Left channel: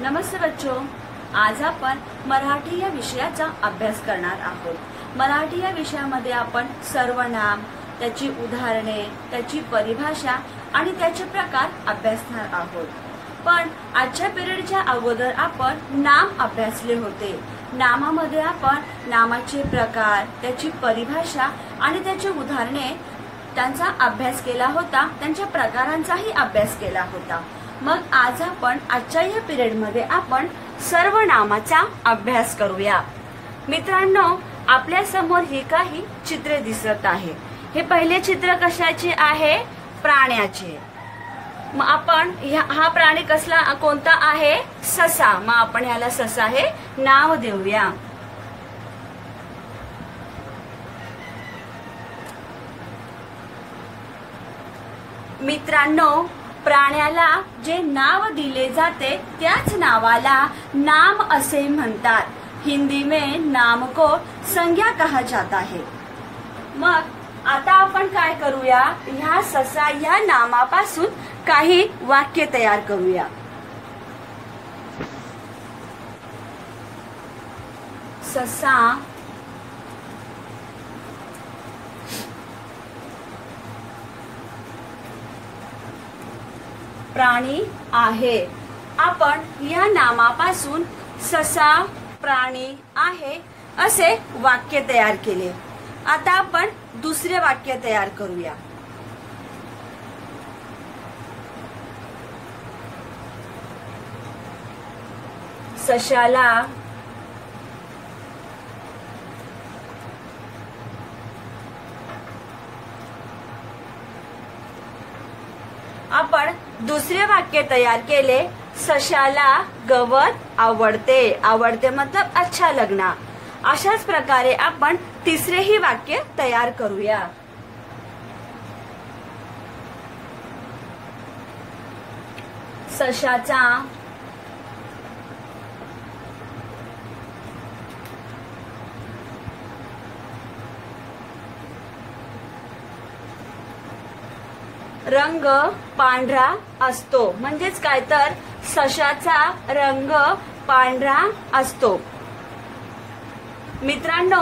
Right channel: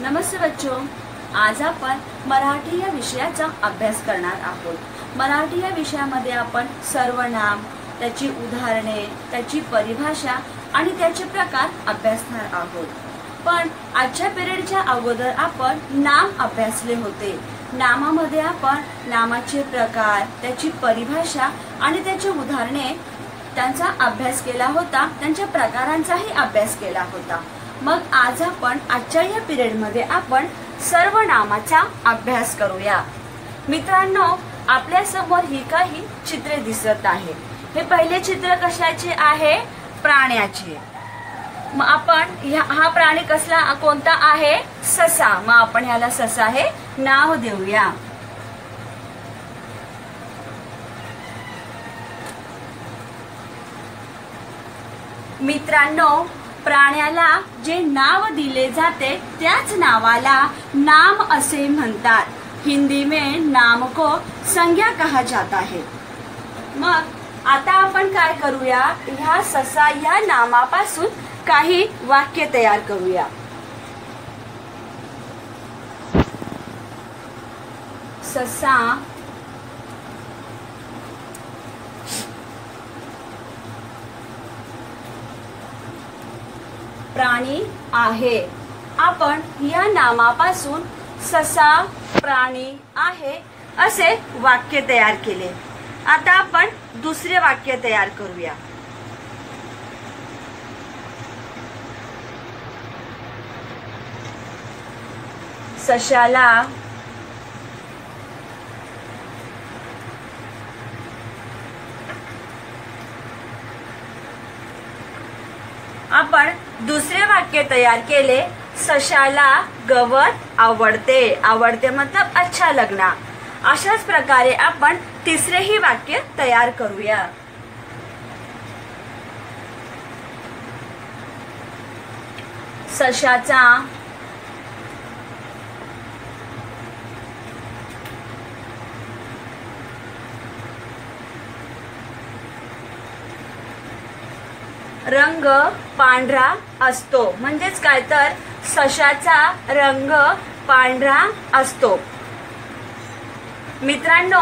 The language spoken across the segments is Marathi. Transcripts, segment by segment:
नमस्ते बच्चों, आज आपण मराठी या विषयाचा अभ्यास करणार आहोत। मराठी या विषयामध्ये आपण सर्वनाम, त्याची उदाहरणे, त्याची परिभाषा आणि त्याचे प्रकार अभ्यासणार आहोत। पण आजच्या पिरियडच्या अगोदर आपण नाम अभ्यासले होते। नामामध्ये आपण नामाचे प्रकार, त्याची परिभाषा आणि त्याची उदाहरणे त्यांचा अभ्यास केला होता, त्यांच्या प्रकारांचाही अभ्यास केला होता। मग आज आपण आजच्या या पिरियड मध्ये आपण सर्वनामाचा अभ्यास करूया। मित्रांनो, आपल्या समोर ही काही चित्रे दिसत आहे। हे पहिले चित्र कशाचे आहे? प्राण्याचे। मग आपण हा प्राणी कसला कोणता आहे? ससा। मग आपण याला ससा हे नाव देऊया। मित्रांनो, प्राण्याला जे नाव दिले जाते त्याच नावाला नाम असे म्हणतात। हिंदी में नाम को संज्ञा कहा जाता है। मग आता आपण काय करूया? ह्या ससा या नामापासून काही वाक्य तयार करूया। ससा प्राणी आहे। आपण या नामापासून ससा प्राणी आहे असे वाक्य तयार केले। आता आपण दुसरे वाक्य तयार करूया। सशाला आपण दुसरे वाक्य तयार केले। सशाला गवत आवडते। आवडते मतलब अच्छा लगना। अशाच प्रकारे आपण तिसरेही वाक्य तयार करूया। सशाचा रंग पांढरा असतो। म्हणजेच काय तर सशाचा रंग पांढरा असतो। मित्रांनो,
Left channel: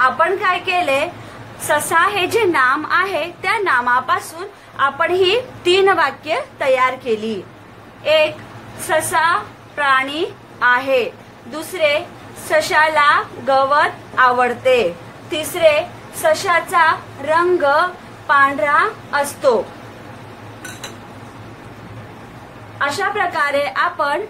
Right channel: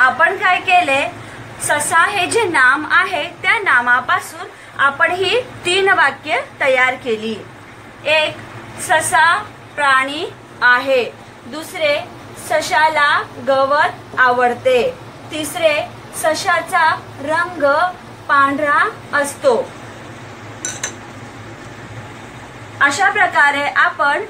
आपण काय केले? ससा हे जे नाम आहे त्या नामापासून आपण ही 3 वाक्य तयार केली। एक, ससा प्राणी आहे। दुसरे, सशाला गवत आवडते। तिसरे, सशाचा रंग पांढरा असतो। अशा प्रकारे आपण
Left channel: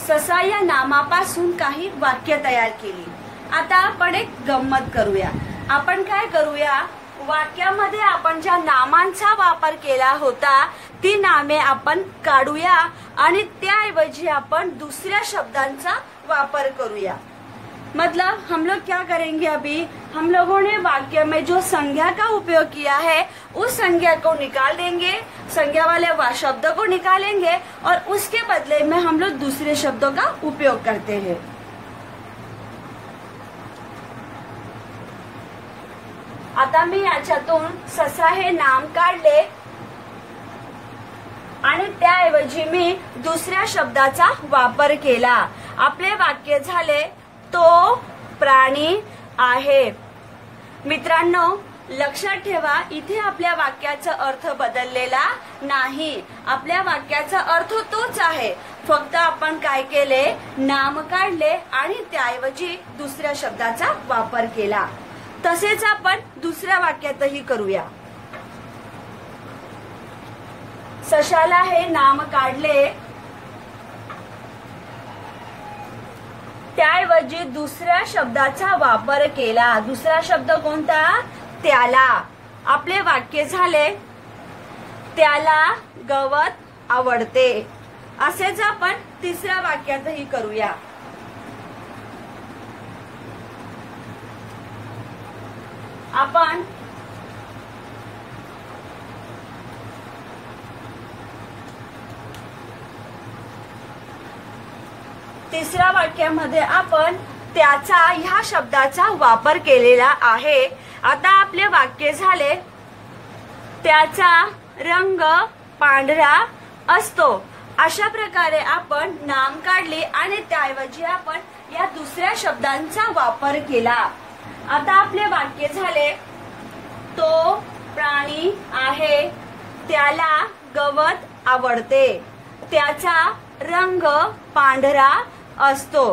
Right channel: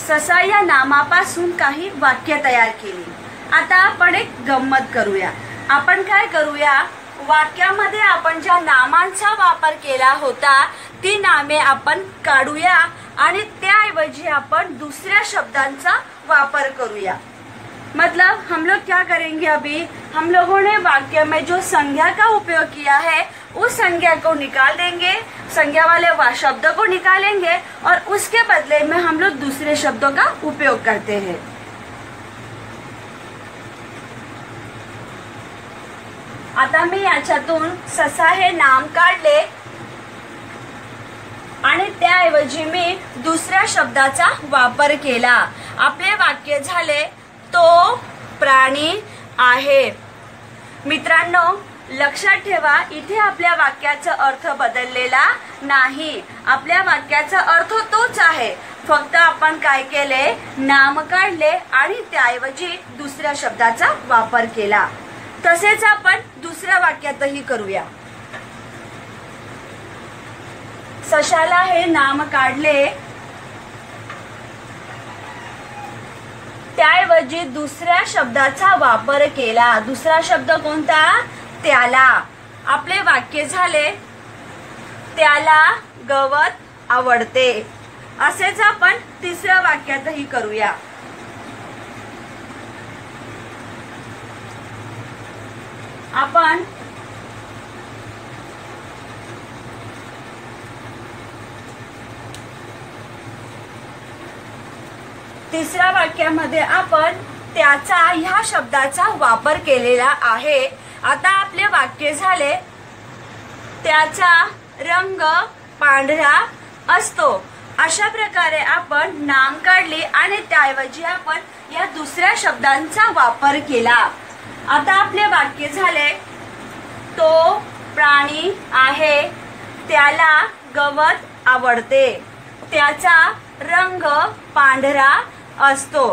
ससा या नामापासून काही वाक्य तयार केली। आता आपण एक गंमत करूया। आपण काय करूया? वाक्यामध्ये आपण ज्या नामांचा वापर केला होता ती नामे आपण काढूया आणि त्याऐवजी आपण दुसऱ्या शब्दांचा वापर करूया। मतलब हम लोग क्या करेंगे? अभी हम लोगों ने वाक्य में जो संज्ञा का उपयोग किया है उस संज्ञा को निकाल देंगे, संज्ञा वाले शब्द को निकालेंगे और उसके बदले में हम लोग दूसरे शब्दों का उपयोग करते हैं। आता मी याच्यातून ससा हे नाम काढले आणि त्याऐवजी मी दुसऱ्या शब्दाचा वापर केला। आपले वाक्य झाले, तो प्राणी आहे। मित्रांनो, लक्षात ठेवा, इथे आपल्या वाक्याचा अर्थ बदललेला नाही। आपल्या वाक्याचा अर्थ तोच आहे, फक्त आपण काय केले? नाम काढले आणि त्याऐवजी दुसऱ्या शब्दाचा वापर केला। तसेच आपण दुसऱ्या वाक्यातही करूया। सशाला हे नाम काढले, त्याऐवजी दुसऱ्या शब्दाचा वापर केला। दुसरा शब्द कोणता? त्याला। आपले वाक्य झाले, त्याला गवत आवडते। असेच आपण तिसऱ्या वाक्यातही करूया। आपण तिसऱ्या वाक्यामध्ये आपण त्याचा ह्या शब्दाचा वापर केलेला आहे। आता आपले वाक्य झाले, त्याचा रंग पांढरा असतो। अशा प्रकारे आपण नाम काढली आणि त्याऐवजी आपण या दुसऱ्या शब्दांचा वापर केला। आता आपले वाक्य झाले, तो प्राणी आहे, त्याला गवत आवडते, त्याचा रंग पांढरा असतो।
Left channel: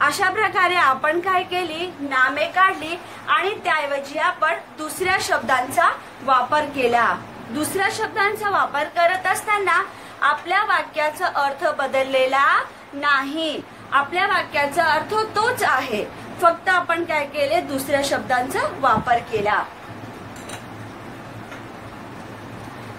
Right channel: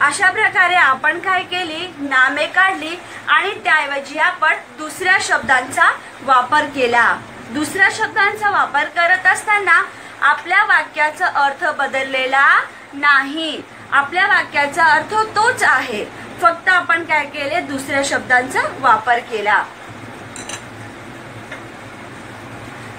अशा प्रकारे आपण काय केली, नामे काढली आणि त्याऐवजी आपण दुसऱ्या शब्दांचा वापर केला। दुसऱ्या शब्दांचा वापर करत असताना आपल्या वाक्याचा अर्थ बदललेला नाही, आपल्या वाक्याचा अर्थ तोच आहे, फक्त आपण काय केले, दुसऱ्या शब्दांचा वापर केला।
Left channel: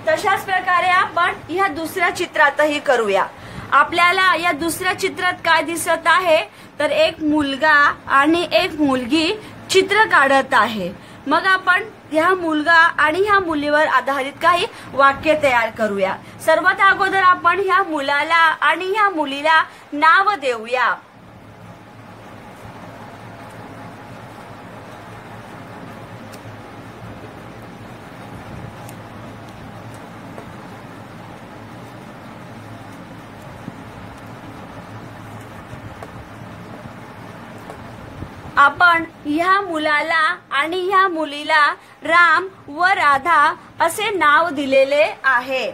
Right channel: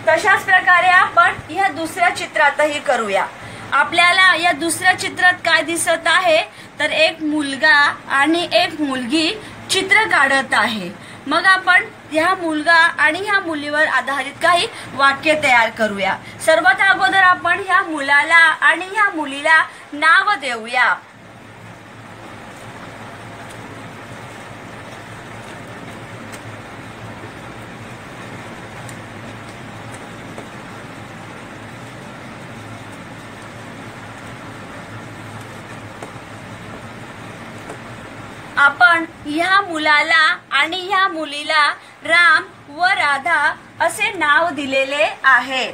तशाच प्रकारे आपण ह्या दुसऱ्या चित्रातही करूया। आपल्याला या दुसऱ्या चित्रात काय दिसत आहे, तर एक मुलगा आणि एक मुलगी चित्र काढत आहे। मग आपण ह्या मुलगा आणि ह्या मुलीवर आधारित काही वाक्य तयार करूया। सर्वात अगोदर आपण ह्या मुलाला आणि ह्या मुलीला नाव देऊया। आपण ह्या मुलाला आणि ह्या मुलीला राम व राधा असे नाव दिलेले आहे।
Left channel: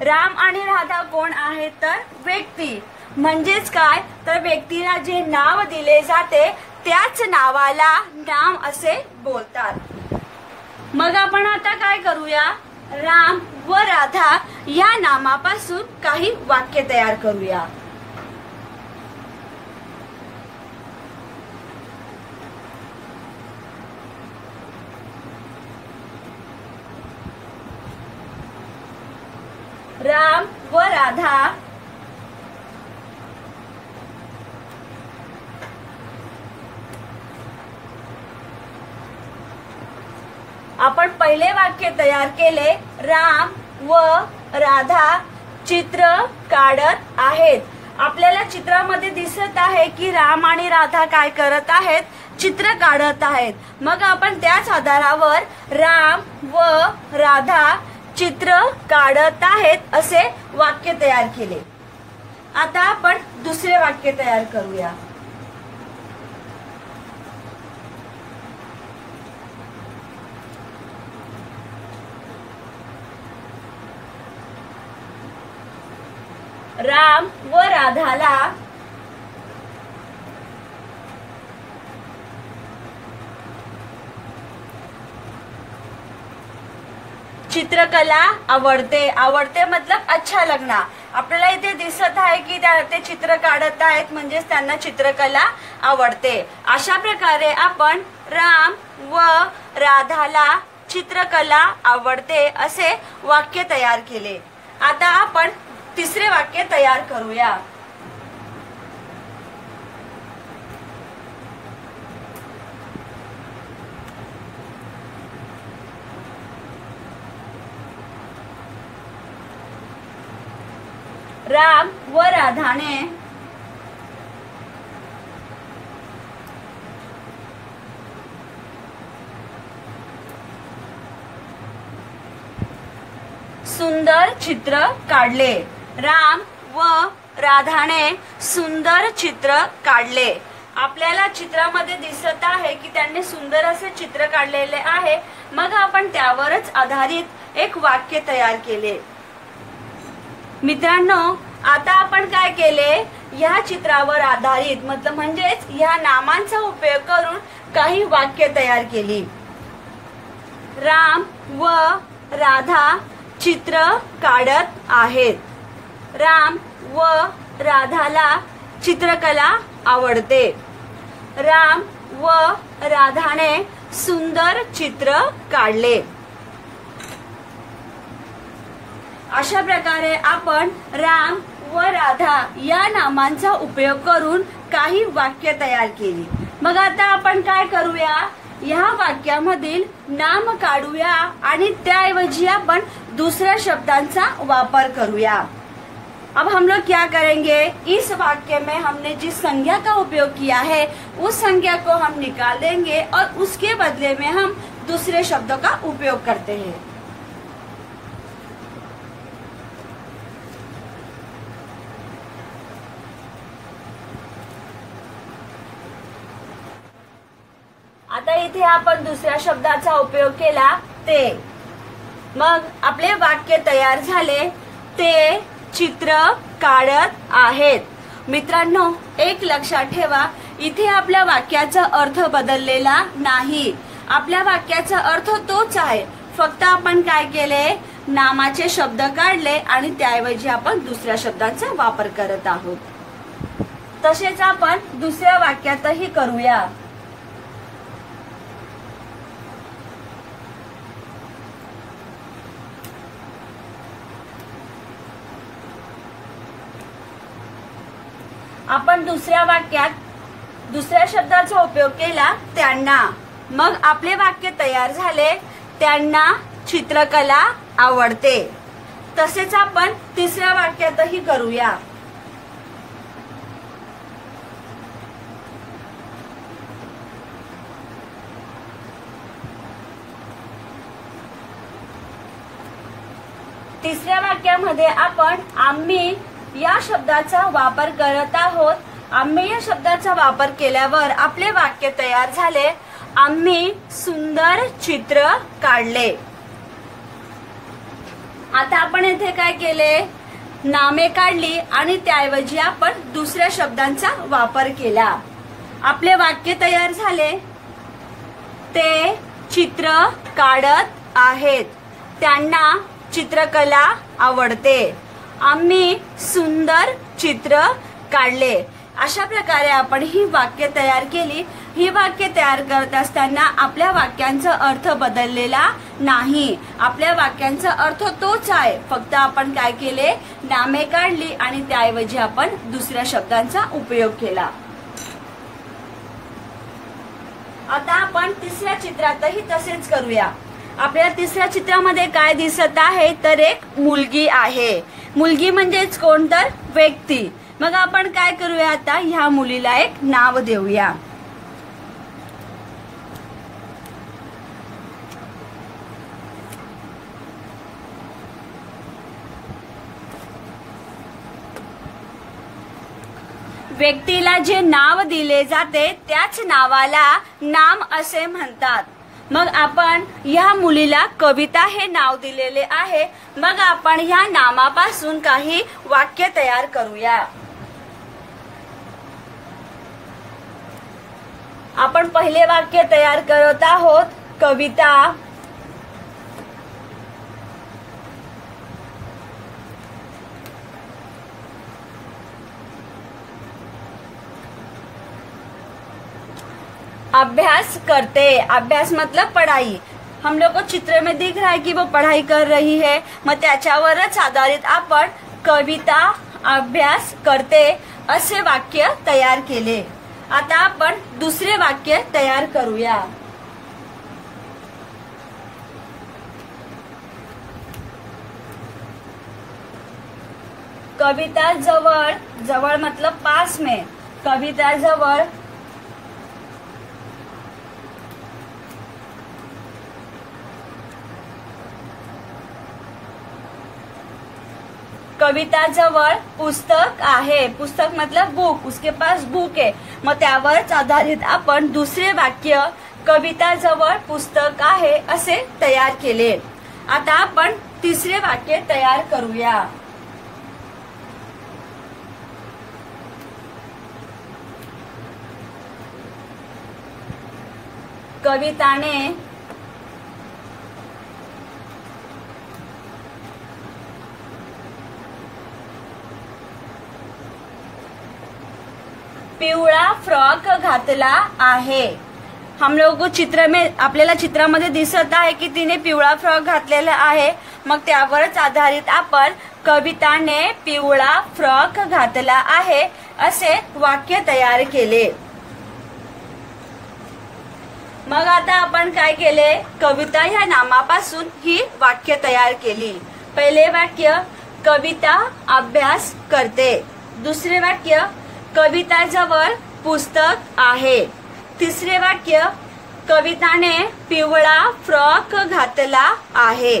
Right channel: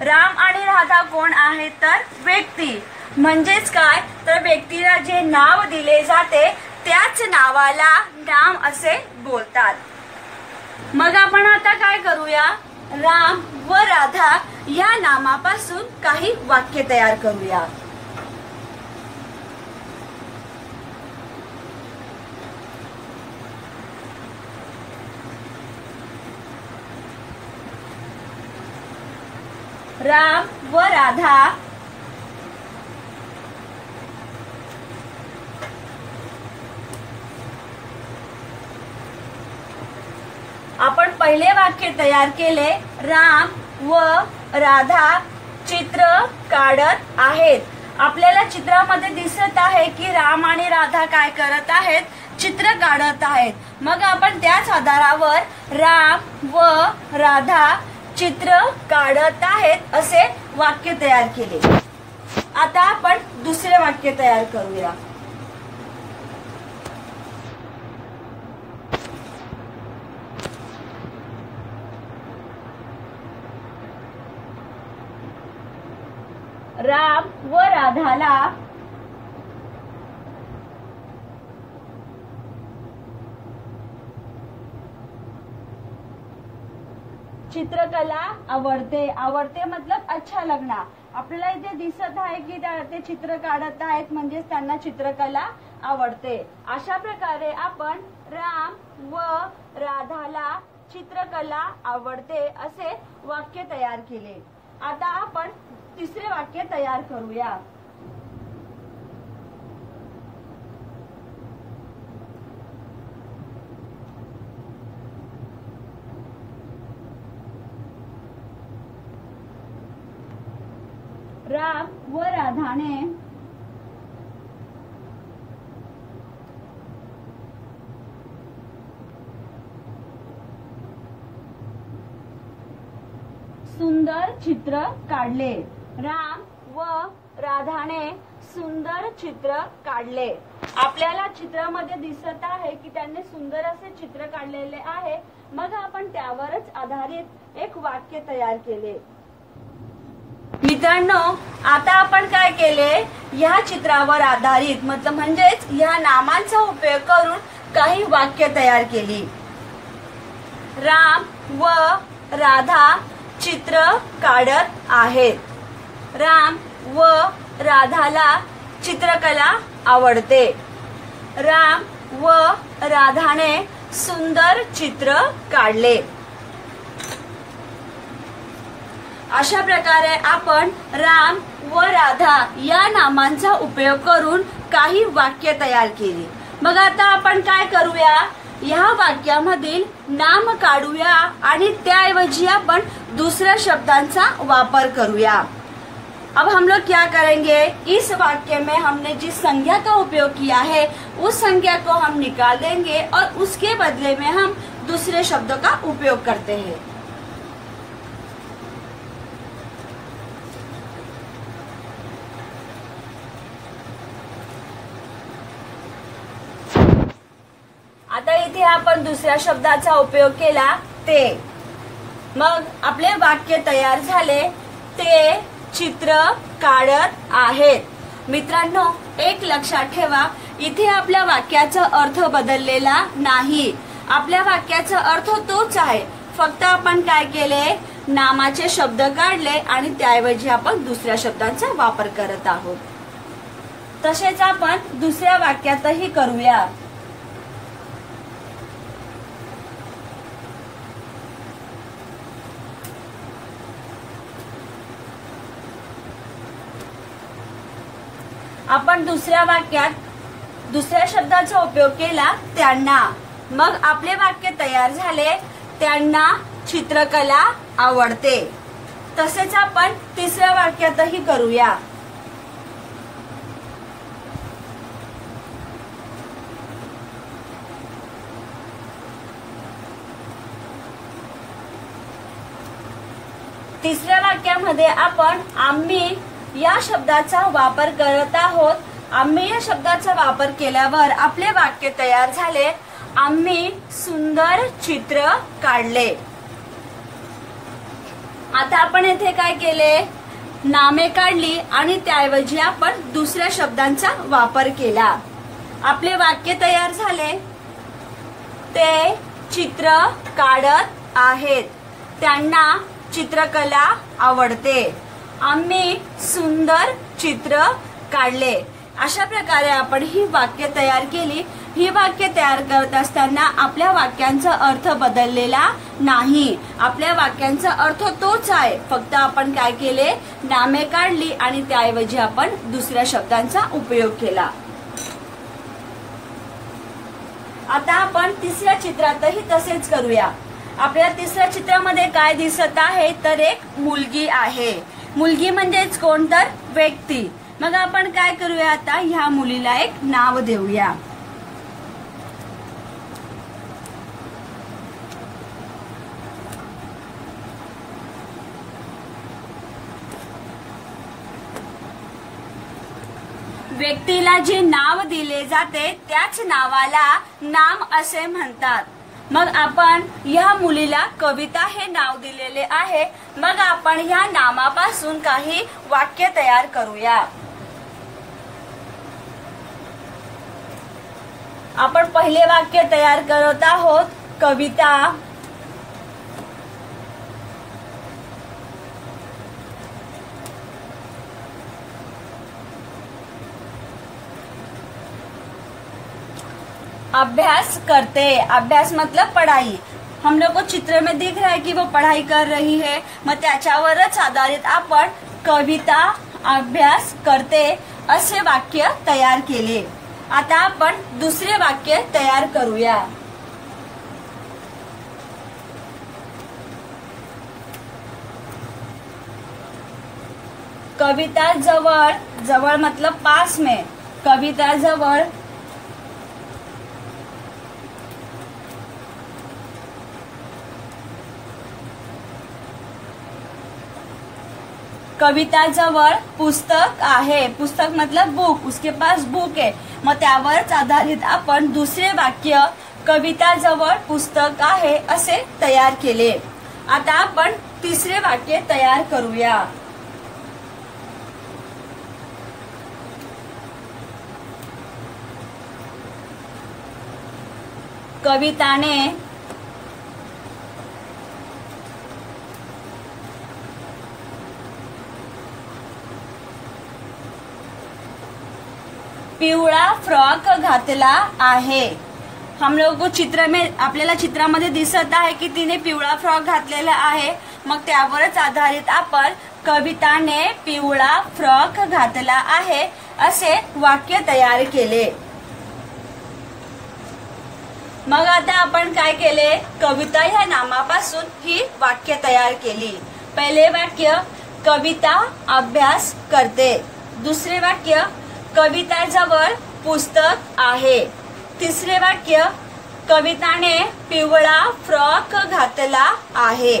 राम आणि राधा कोण आहेत, तर व्यक्ती, म्हणजेच काय, तर व्यक्तीला जे नाव दिले जाते त्याच नावाला नाम असे बोलतात। मग आपण आता काय करूया, राम व राधा या नामापासून काही वाक्य तयार करूया। राम व राधा आपण पहिले वाक्य तयार केले, राम व राधा चित्र काढत आहेत। आपल्याला चित्रामध्ये दिसत आहे की राम आणि राधा काय करत आहेत, चित्र काढत आहेत। मग आपण त्याच आधारावर राम व राधा चित्र काढत आहेत असे वाक्य तयार केले। आता आपण दुसरे वाक्य तयार करूया। राम व राधाला चित्रकला आवडते। आवडते मतलब अच्छा लगना। आपल्याला इथे दिसत आहे की ते चित्र काढत आहेत, म्हणजेच त्यांना चित्रकला आवडते। अशा प्रकारे आपण राम व राधाला चित्रकला आवडते असे वाक्य तयार केले। आता आपण तिसरे वाक्य तयार करूया। राम व राधाने सुंदर चित्र काढले। राम व राधाने सुंदर चित्र काढले। आपल्याला चित्रामध्ये दिसत आहे की त्यांनी सुंदर असे चित्र काढलेले आहे। मग आपण त्यावरच आधारित एक वाक्य तयार केले। मित्रांनो, आता आपण काय केले, या चित्रावर आधारित मतलब म्हणजेच या नामांचा उपयोग करून काही वाक्य तयार केली। राम व राधा चित्र काढत आहेत। राम व राधाला चित्रकला आवडते। राम व राधाने सुंदर चित्र काढले। अशा प्रकारे आपण राम व राधा या नामांचा उपयोग करून काही वाक्य तयार केली। मग आता आपण काय करूया, या वाक्यामधील नाम काढूया आणि त्याऐवजी आपण दूसऱ्या शब्दांचा वापर करूया। अब हम लोग क्या करेंगे, इस वाक्य में हमने जिस संज्ञा का उपयोग किया है उस संज्ञा को हम निकाल देंगे और उसके बदले में हम दूसरे शब्दों का उपयोग करते हैं। आता इथे आपण दुसऱ्या शब्दाचा उपयोग केला ते. मग आपले वाक्य तयार झाले. ते चित्र काढत आहेत. मित्रांनो, एक लक्षात ठेवा, इथे आपल्या वाक्याचा अर्थ बदललेला नाही. आपल्या वाक्याचा अर्थ तोच आहे, फक्त आपण काय केले, नामाचे शब्द काढले आणि त्याऐवजी आपण दुसऱ्या शब्दांचा वापर करत आहोत. तसेच आपण दुसऱ्या वाक्यातही करूया. आपण दुसऱ्या वाक्यात दुसऱ्या शब्दाचा उपयोग केला त्यांना. मग आपले वाक्य तयार झाले. त्यांना चित्रकला आवडते. तसेच आपण तिसऱ्या वाक्यातही करूया. तिसऱ्या वाक्यामध्ये आपण आम्ही या शब्दाचा वापर करत आहोत. आम्ही या शब्दाचा वापर केल्यावर आपले वाक्य तयार झाले. आम्ही सुंदर चित्र काढले. आता आपण येथे काय केले, नामे काढली आणि त्याऐवजी आपण दुसऱ्या शब्दांचा वापर केला. आपले वाक्य तयार झाले. ते चित्र काढत आहेत. त्यांना चित्रकला आवडते. आम्ही सुंदर चित्र काढले. अशा प्रकारे आपण ही वाक्य तयार केली. ही वाक्य तयार करत असताना आपल्या वाक्यांचा अर्थ बदललेला नाही. आपल्या वाक्यांचा अर्थ तोच आहे, फक्त आपण काय केले, नामे काढली आणि त्याऐवजी आपण दुसऱ्या शब्दांचा उपयोग केला. आता आपण तिसऱ्या चित्रातही तसेच करूया. आपल्या तिसऱ्या चित्रामध्ये काय दिसत आहे, तर एक मुलगी आहे. मुलगी म्हणजेच कोण, तर व्यक्ती. मग आपण काय करूया, आता ह्या मुलीला एक नाव देऊया. व्यक्तीला जे नाव दिले जाते त्याच नावाला नाम असे म्हणतात. मग आपण या मुलीला कविता हे नाव दिलेले आहे. मग आपण या नामापासून काही वाक्य तयार करूया. आपण पहिले वाक्य तयार करत आहोत, कविता. अभ्यास करते. अभ्यास मतलब पढ़ाई. हम लोग को चित्र में दिख रहा है कि वो पढ़ाई कर रही है. मग त्याच्यावरच आधारित आपण कविता अभ्यास करते असे वाक्य तयार केले. आता आपण दुसरे वाक्य तयार करूया. कविता जवळ. जवळ मतलब पास में. कविता जवळ कविता जवळ पुस्तक आहे. पुस्तक मतलब बुक. उसके पास बुक है. मग त्यावरच आधारित आपण दुसरे वाक्य कविता जवळ पुस्तक आहे असे तयार केले. आता आपण तिसरे वाक्य तयार करूया. कविताने पिवळा फ्रॉक घातला आहे. हम लोग चित्र में आपल्याला चित्रामध्ये दिसत आहे की तिने पिवळा फ्रॉक घातलेला आहे. मग त्यावरच आधारित आपण कविताने पिवळा फ्रॉक घातला आहे असे वाक्य तयार केले. मग आता आपण काय केले, कविता ह्या नामापासून ही वाक्य तयार केली. पहिले वाक्य कविता अभ्यास करते. दुसरे वाक्य कविता जवळ पुस्तक आहे. तिसरे वाक्य कविताने पिवळा फ्रॉक घातला आहे.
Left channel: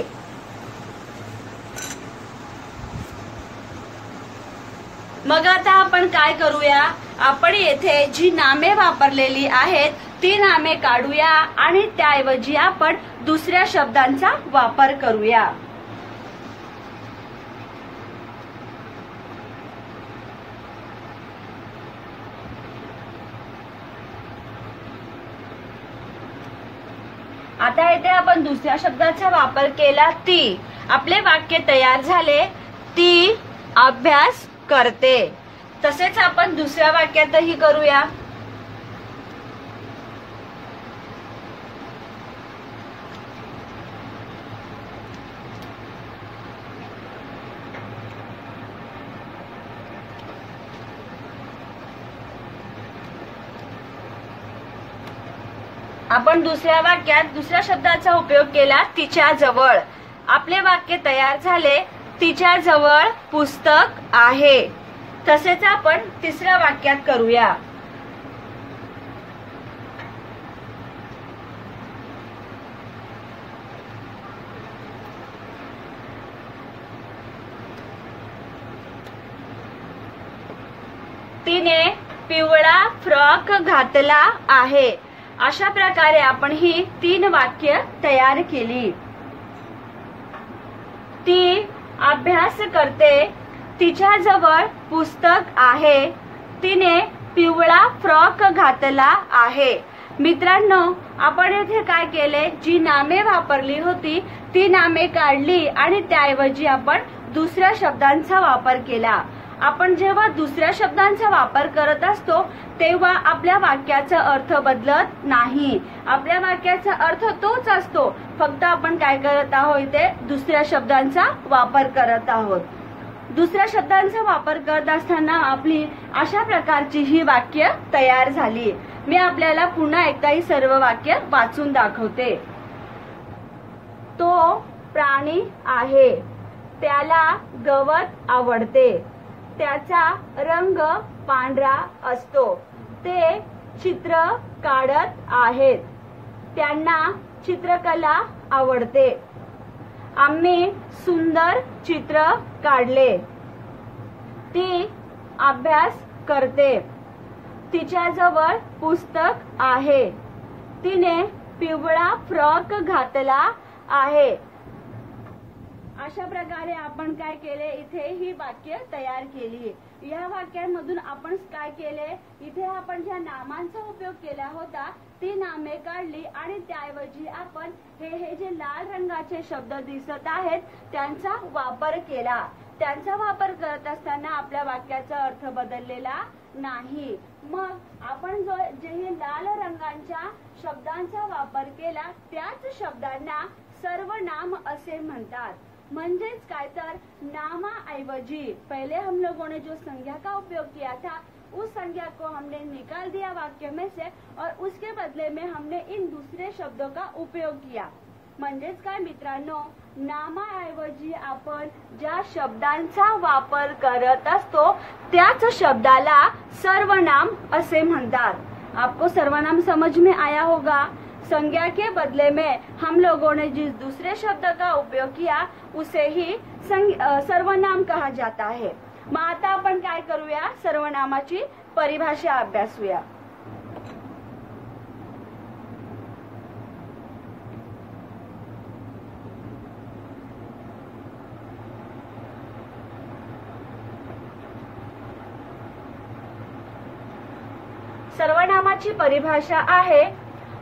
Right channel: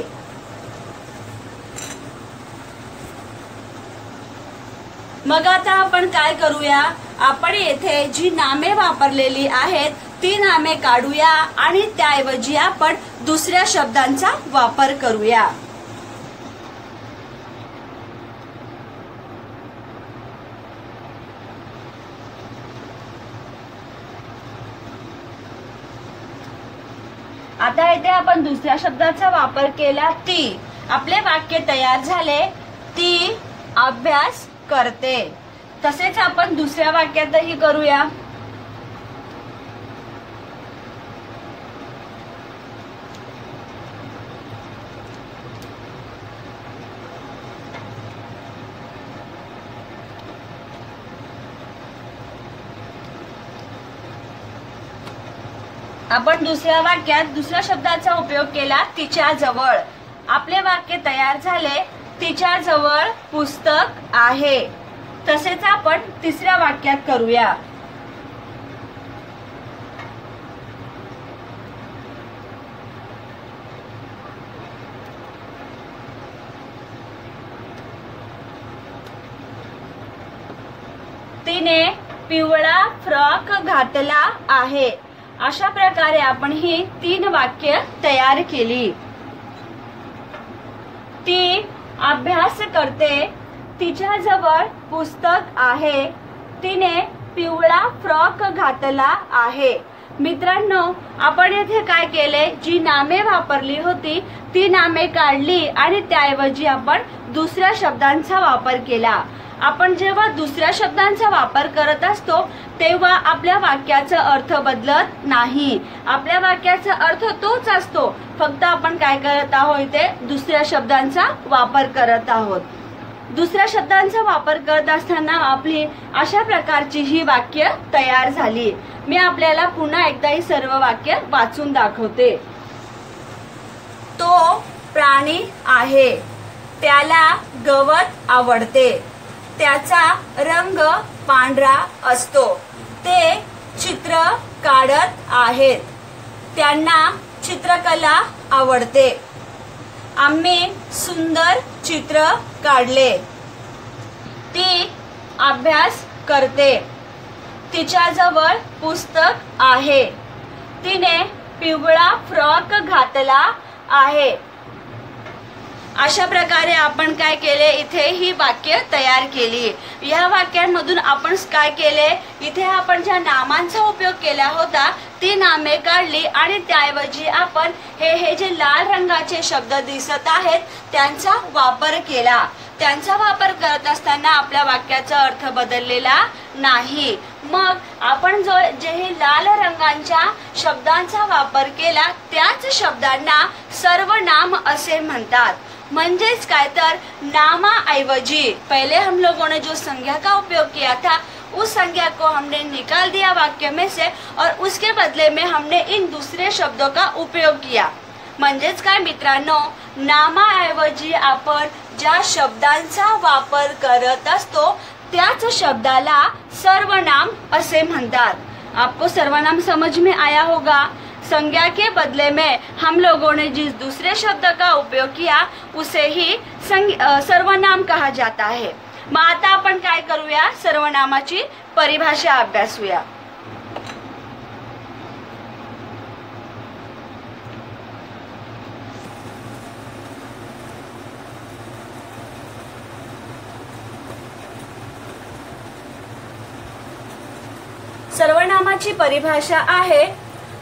मग आता आपण काय करूया, आपण येथे जी नामे वापरलेली आहेत ती नामे काढूया आणि त्याऐवजी आपण दुसऱ्या शब्दांचा वापर करूया. आता इथे आपण दुसऱ्या शब्दाचा वापर केला ती. आपले वाक्य तयार झाले. ती अभ्यास करते. तसेच आपण दुसऱ्या वाक्यातही करूया. आपण दुसऱ्या वाक्यात दुसऱ्या शब्दाचा उपयोग केला तिच्या जवळ. आपले वाक्य तयार झाले. तिच्या जवळ पुस्तक आहे. तसेच आपण तिसऱ्या वाक्यात करूया. तिने पिवळा फ्रॉक घातला आहे. अशा प्रकारे आपण ही 3 वाक्य तयार केली. ती अभ्यास करते. तिच्या जवळ पुस्तक आहे. तिने पिवळा फ्रॉक घातला आहे. मित्रांनो, आपण येथे काय केले, जी नामे वापरली होती ती नामे काढली आणि त्याऐवजी आपण दुसऱ्या शब्दांचा वापर केला. आपण जेव्हा दुसऱ्या शब्दांचा वापर करत असतो तेव्हा आपल्या वाक्याचा अर्थ बदलत नाही. आपल्या वाक्याचा अर्थ तोच असतो, फक्त आपण काय करत आहोत, इथे दुसऱ्या शब्दांचा वापर करत आहोत. दुसऱ्या शब्दांचा वापर करत असताना आपली अशा प्रकारची ही वाक्य तयार झाली. मी आपल्याला पुन्हा एकदा ही सर्व वाक्य वाचून दाखवते. तो प्राणी आहे. त्याला गवत आवडते. त्याचा रंग पांढरा असतो. ते चित्र काढत आहेत. त्यांना चित्रकला आवडते. आम्ही सुंदर चित्र काढले. ती अभ्यास करते. तिच्याजवळ पुस्तक आहे. तिने पिवळा फ्रॉक घातला आहे. अशा प्रकारे आपण काय केले, इथे ही वाक्य तयार केली. या वाक्यांमधून आपण काय केले, इथे आपण ज्या नामांचा उपयोग केला होता ती नामे काढली आणि त्याऐवजी आपण हे जे लाल रंगाचे शब्द दिसत आहेत त्यांचा वापर केला. त्यांचा वापर करत असताना आपल्या वाक्याचा अर्थ बदललेला नाही. मग आपण जे हे लाल रंगाच्या शब्दांचा वापर केला त्याच शब्दांना सर्वनाम असे म्हणतात. म्हणजेच काय तर नामाऐवजी पहले हम लोगों ने जो संज्ञा का उपयोग किया था उस संज्ञा को हमने निकाल दिया वाक्य में से और उसके बदले में हमने इन दूसरे शब्दों का उपयोग किया. म्हणजेच काय मित्रांनो, नामाऐवजी आपण ज्या शब्दांचा वापर करत असतो त्याच शब्दाला सर्वनाम असे म्हणतात. आपको सर्वनाम समझ में आया होगा. संज्ञा के बदले में हम लोगों ने जिस दूसरे शब्द का उपयोग किया उसे ही सर्वनाम कहा जाता है. मग आता आपण काय करूया, सर्वनामाची परिभाषा अभ्यासूया. सर्वनामाची परिभाषा आहे,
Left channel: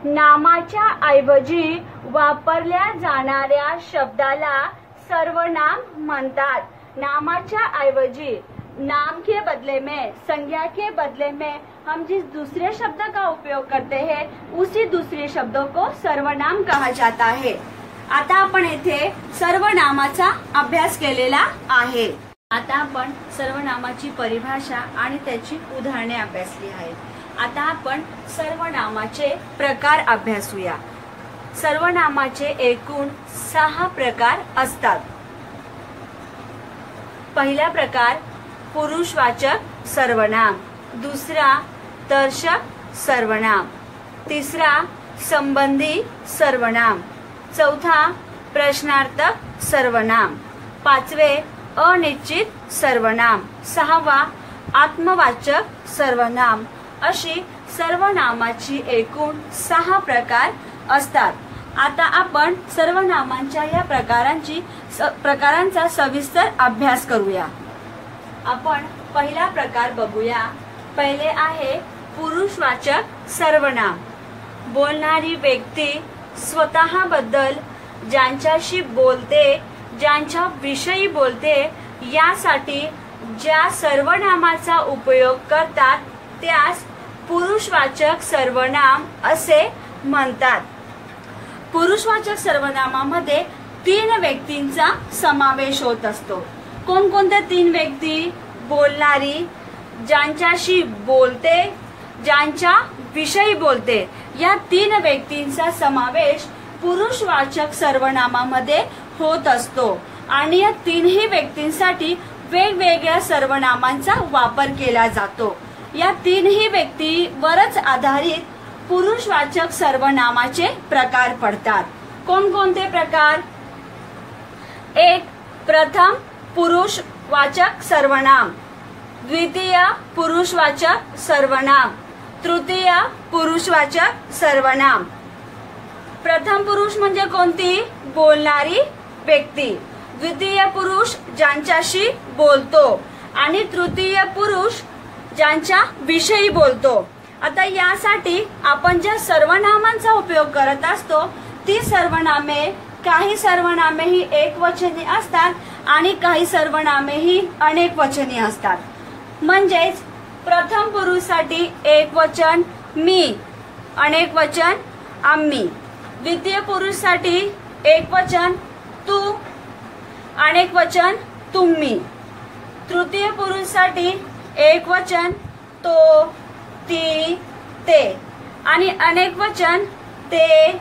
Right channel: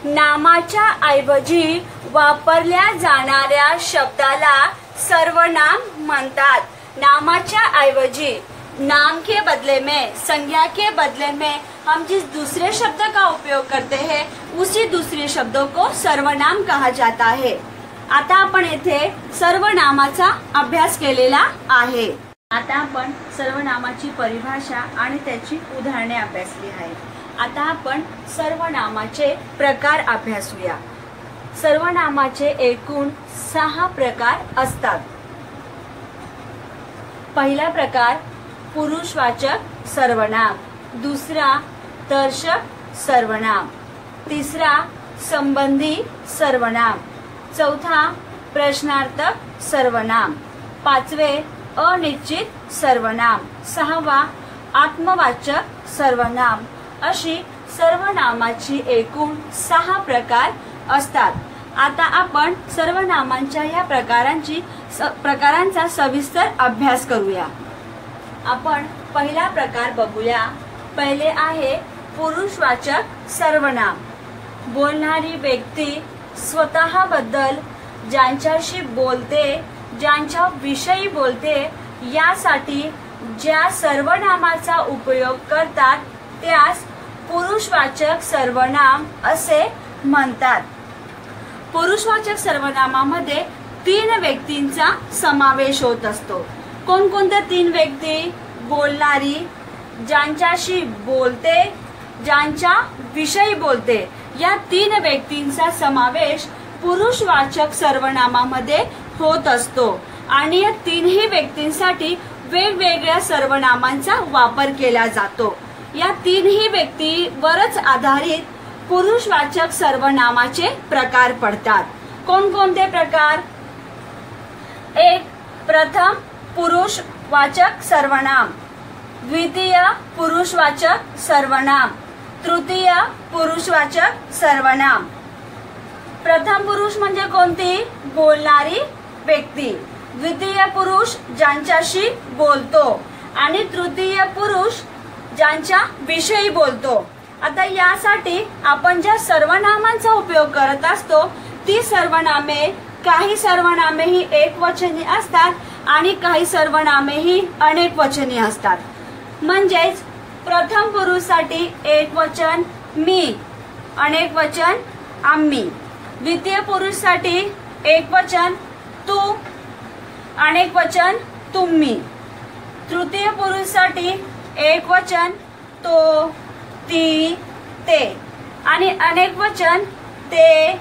नामाच्या ऐवजी वापरल्या जाणाऱ्या शब्दाला सर्वनाम म्हणतात. नामाच्या ऐवजी नाम के बदले में, संज्ञा के बदले में हम जिस दूसरे शब्द का उपयोग करते हैं उसी दूसरे शब्दों को सर्वनाम कहा जाता है. आता आपण येथे सर्वनामाचा अभ्यास केलेला आहे. आता आपण सर्वनामाची परिभाषा आणि त्याची उदाहरणे अभ्यासली आहेत. आता आपण सर्वनामाचे प्रकार अभ्यासूया. सर्वनामाचे एकूण 6 प्रकार असतात. पहिला प्रकार पुरुषवाचक सर्वनाम, दुसरा दर्शक सर्वनाम, तिसरा संबंधी सर्वनाम, चौथा प्रश्नार्थक सर्वनाम, पाचवे अनिश्चित सर्वनाम, सहावा आत्मवाचक सर्वनाम. अशी सर्वनामाची एकूण 6 प्रकार असतात. आता आपण सर्वनामांच्या या प्रकारांचा सविस्तर अभ्यास करूया. आपण पहिला प्रकार बघूया. पहिले आहे पुरुषवाचक सर्वनाम. बोलणारी व्यक्ती स्वतःबद्दल, ज्यांच्याशी बोलते, ज्यांच्या विषयी बोलते यासाठी ज्या सर्वनामाचा उपयोग करतात त्यास पुरुषवाचक सर्वनाम असे म्हणतात. पुरुषवाचक सर्वनामामध्ये 3 व्यक्तींचा समावेश होत असतो. कोणकोणत्या 3 व्यक्ती? बोलणारी, ज्यांच्याशी बोलते, ज्यांच्या विषयी बोलते, या 3 व्यक्तींचा समावेश पुरुषवाचक सर्वनामामध्ये होत असतो. आणि या 3ही व्यक्तींसाठी वेगवेगळ्या सर्वनामांचा वापर केला जातो. या 3ही व्यक्तीवरच आधारित पुरुषवाचक सर्वनामाचे प्रकार पडतात. कोणकोणते प्रकार? 1. प्रथम पुरुषवाचक सर्वनाम, द्वितीय पुरुषवाचक सर्वनाम, तृतीय पुरुषवाचक सर्वनाम. प्रथम पुरुष म्हणजे कोणती? बोलणारी व्यक्ती. द्वितीय पुरुष ज्यांच्याशी बोलतो आणि तृतीय पुरुष ज्यांच्या विषयी बोलतो. आता यासाठी आपण ज्या सर्वनामांचा उपयोग करत असतो ती सर्वनामे, काही सर्वनामे ही एकवचनी असतात आणि काही सर्वनामे ही अनेकवचनी असतात. म्हणजेच प्रथम पुरुषसाठी एकवचन मी, अनेकवचन आम्ही. द्वितीय पुरुषसाठी एकवचन तू, अनेकवचन तुम्ही. तृतीय पुरुषसाठी एकवचन तो, ती, ते आणि अनेकवचन ते,